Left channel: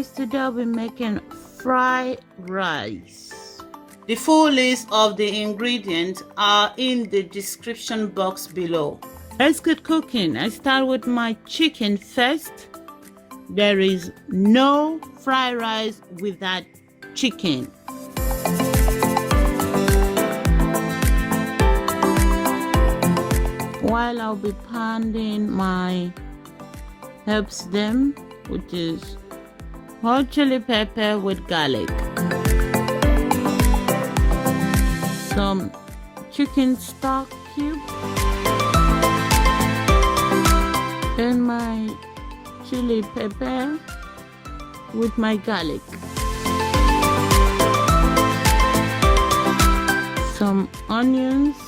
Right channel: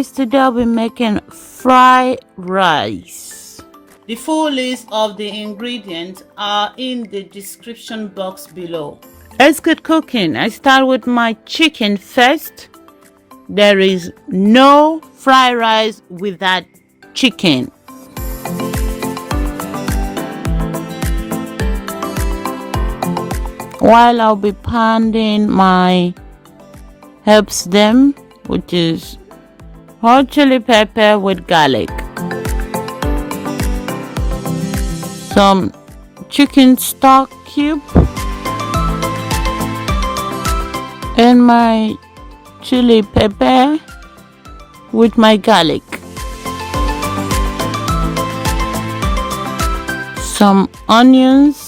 guys, today I'll be making fried rice. The full list of the ingredients are in the description box below. Let's get cooking. I start with my chicken first. There is no fried rice without chicken. While I'll be pounding my herbs, which is hot chili pepper with garlic, some chicken stock cube, and my chili pepper with my garlic, some onions,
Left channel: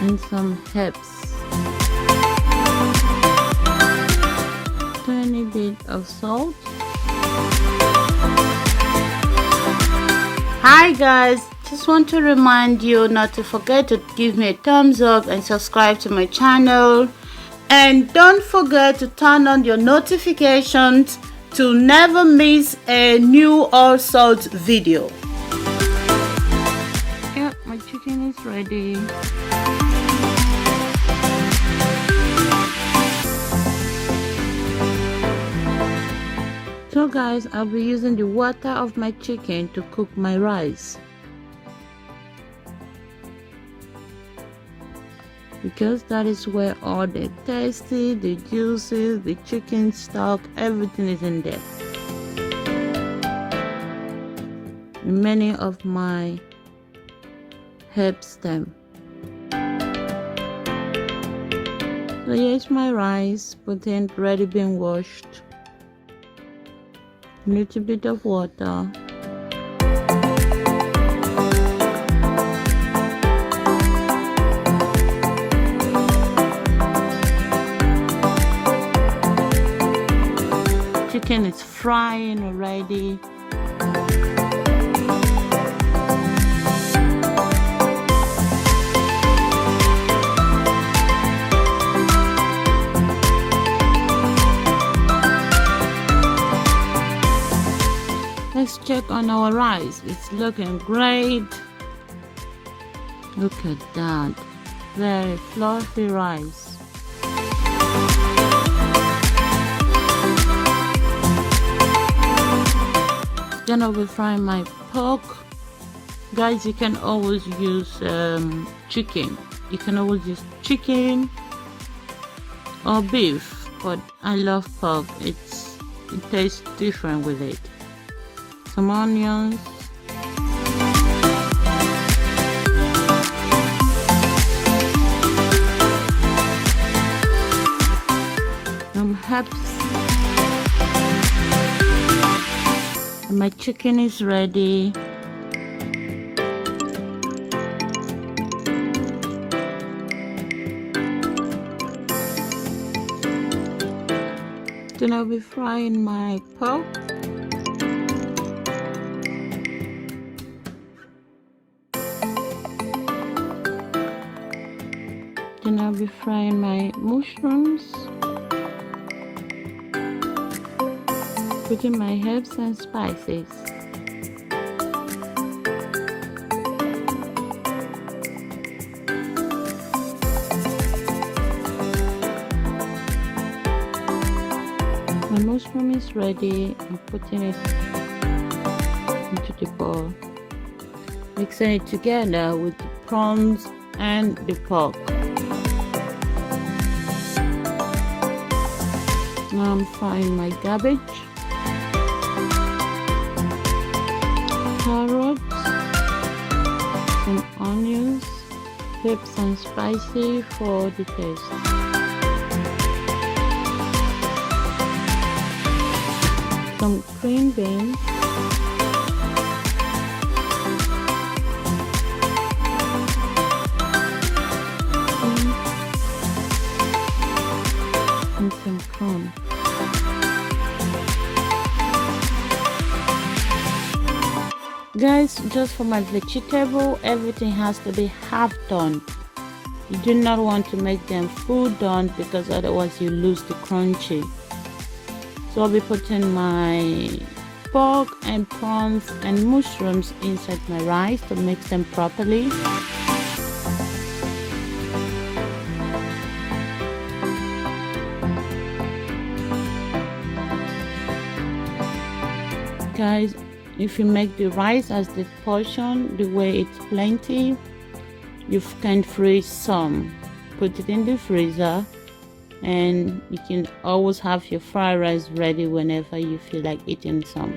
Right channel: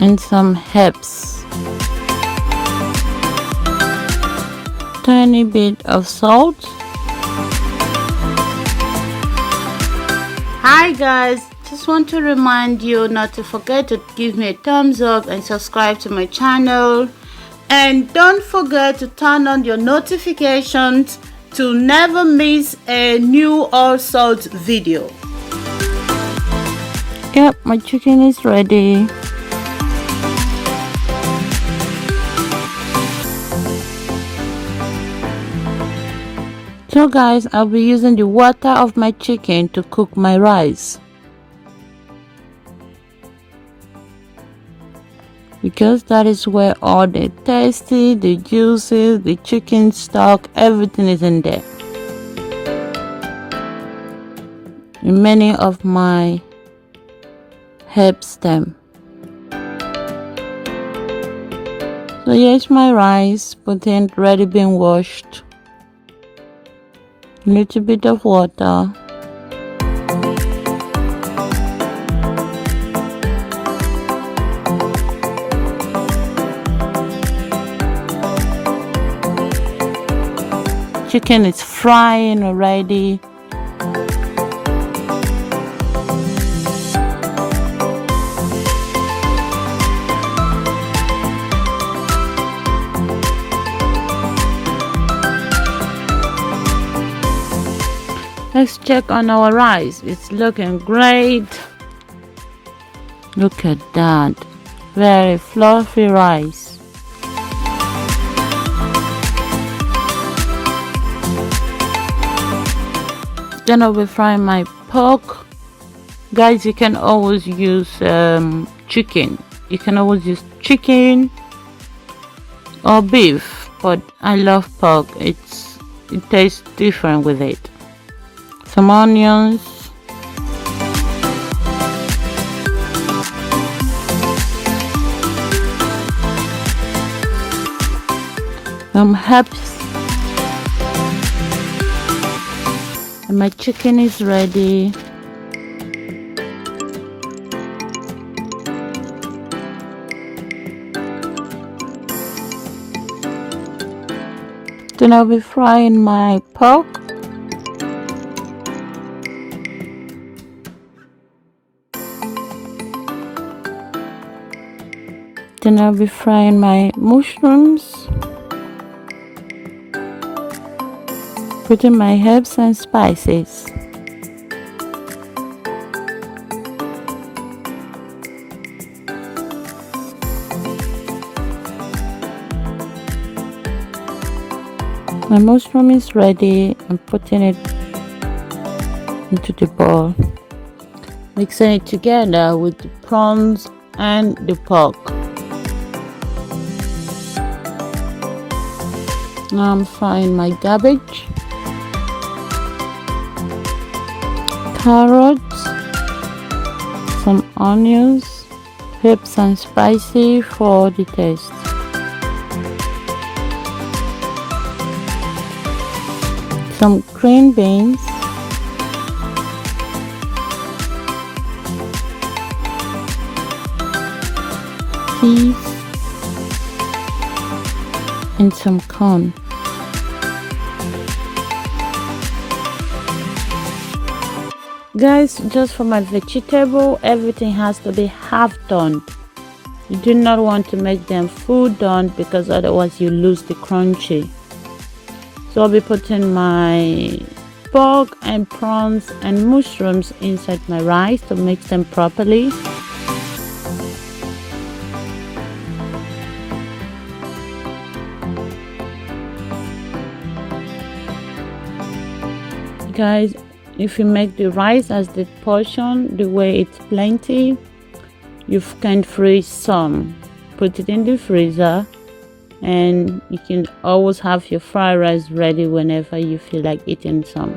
and some herbs, tiny bit of salt. Hi guys, just want to remind you not to forget to give me a thumbs up and subscribe to my channel, and don't forget to turn on your notifications to never miss a new all sorts video. Yep, my chicken is ready. So guys, I'll be using the water of my chicken to cook my rice, because that is where all the tasty, the juices, the chicken stock, everything is in there. And many of my herbs. So here's my rice, put in, ready, being washed. A little bit of water. Chicken is frying already. Let's check on our rice. It's looking great. Look at that. Very fluffy rice. Then I'll be frying my pork. Guys, you can always use chicken. You can always use chicken or beef, but I love pork. It tastes different with it. Some onions, some herbs, and my chicken is ready. Then I'll be frying my pork. Then I'll be frying my mushrooms, putting my herbs and spices. My mushroom is ready. I'm putting it into the bowl, mixing it together with the prawns and the pork. Now I'm frying my cabbage, carrots, some onions, herbs and spicy for the taste. Some green beans, peas, and some corn. Guys, just for my vegetable, everything has to be half done. You do not want to make them full done because otherwise you lose the crunchy. So I'll be putting my pork and prawns and mushrooms inside my rice to mix them properly. Guys, if you make the rice as the portion, the way it's plenty, you can freeze some. Put it in the freezer, and you can always have your fried rice ready whenever you feel like eating some.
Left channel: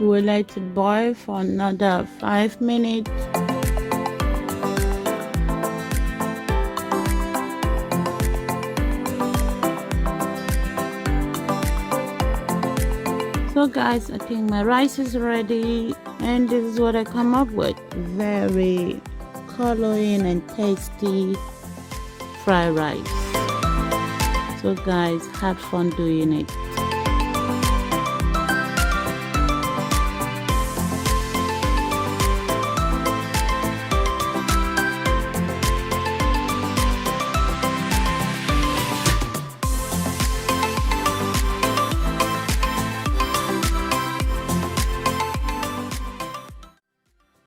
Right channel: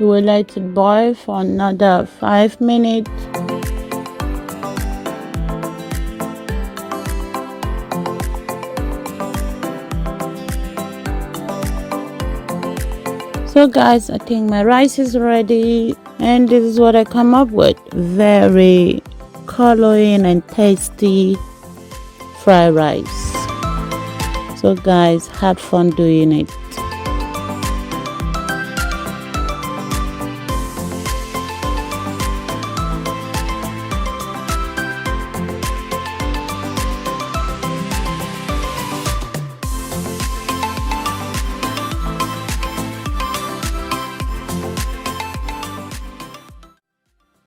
We will let it boil for another 5 minutes. So guys, I think my rice is ready, and this is what I come up with. Very coloring and tasty fried rice. So guys, have fun doing it.